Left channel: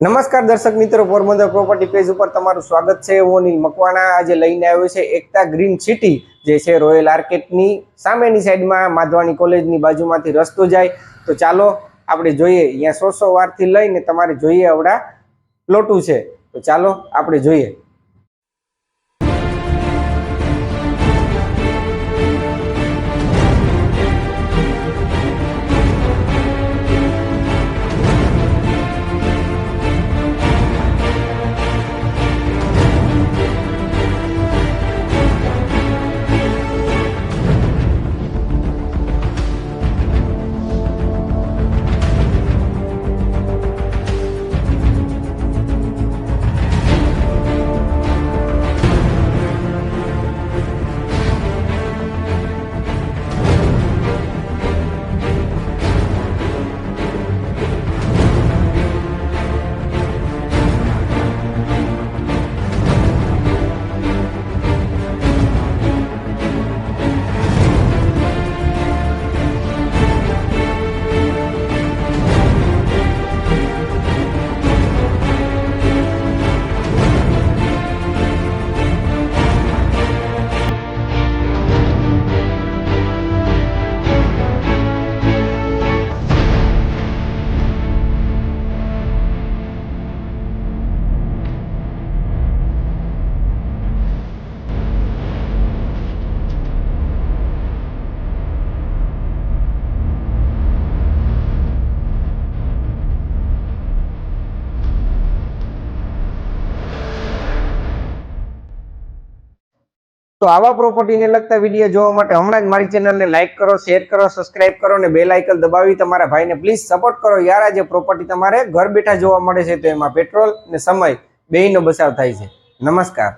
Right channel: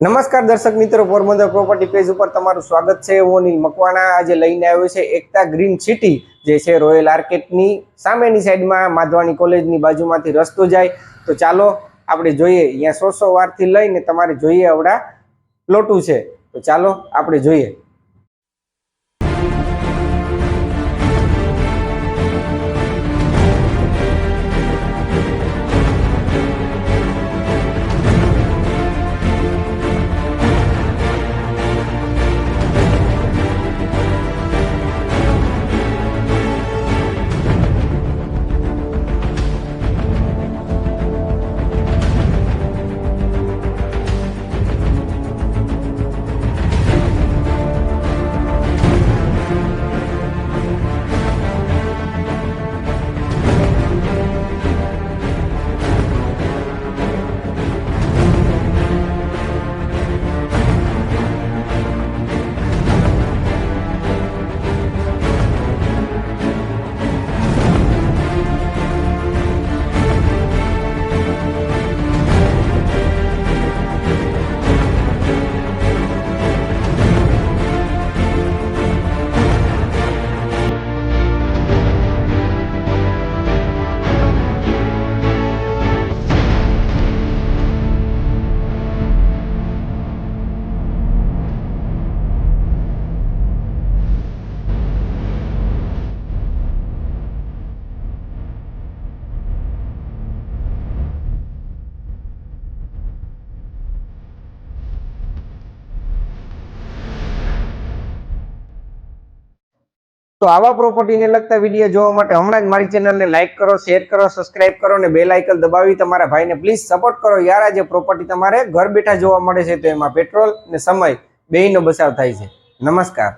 નમસ્કાર દર્શક મિત્રો, પોરબંદર પ્રોપર્ટી પેજ ઉપર તમારું સ્વાગત છે। હું અનિલ મકવાણા આજે લઈને આવ્યો છે એકતા ગ્રીન સિટી, જે છે રોયલ આર્કેટની સામેની સાઈડમાં માધવાણી કોલેજની બાજુમાંથી રસ્તો જાય। તો ચાલો આપણે જોઈએ, અહીંયા 100 વારથી લઈને તમારે જોઈએ આવડા પ્લોટું છે। તો ચાલો આપણે જોઈએ। તો આવા પ્રોપર્ટીને લગતા વિડીયો જોવા માટે હમણાં જ મારી ચેનલને લાઈક કરો, શેર કરો, સબસ્ક્રાઇબ કરો અને બેલ આઇકન દબાવી તમારા ભાઈને પ્લીઝ સપોર્ટ કરો યાર। આજે પ્રોપર્ટી તમારે ઘર બેઠા જોવા મળે છે, તો એમાં પેટ્રોલ અને સમય બેયનો બચાવ થાય છે। નમસ્કાર।